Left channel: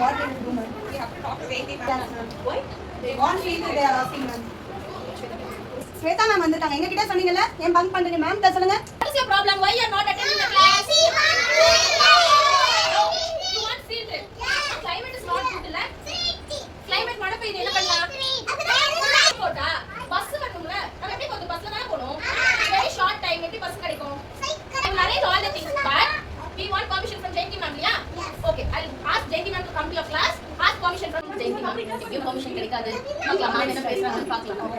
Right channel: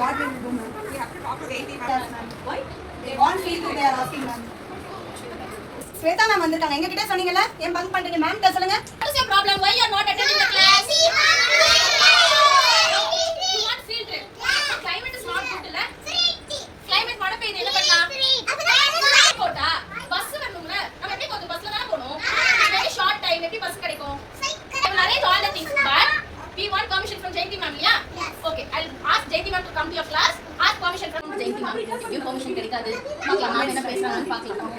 What we will do, ma'am? We have to talk to Jayanti ma'am. Why? They want field they are asking, ma'am. Shweta ma'am வந்திருக்காங்க. எங்க கிட்ட சொன்னீங்கல ஏன் bunk பண்றீங்க ma'am கிட்ட சொல்லுங்க. What is your problem? Why you are not attending the class? You want field trip? Climate is not good இல்ல? Climate மழை பெய்யுது என்ன பண்ணலாம்? போட்டா பஸ் வரணும்ல. நம்ம எப்படி போறது? பஸ்ல தான போணும். Very short time எப்படி பஸ் கிடைக்கும்? I will arrange all the things but we want permission from Jayanti ma'am yeah? Okay, I'll ask Jayanti ma'am to come to your class. Ask permission from Jayanti ma'am. Give permission கிடைக்காது. பார்க்கலாம் ma'am என்ன பேசுறாங்கன்னு பார்க்கலாம்.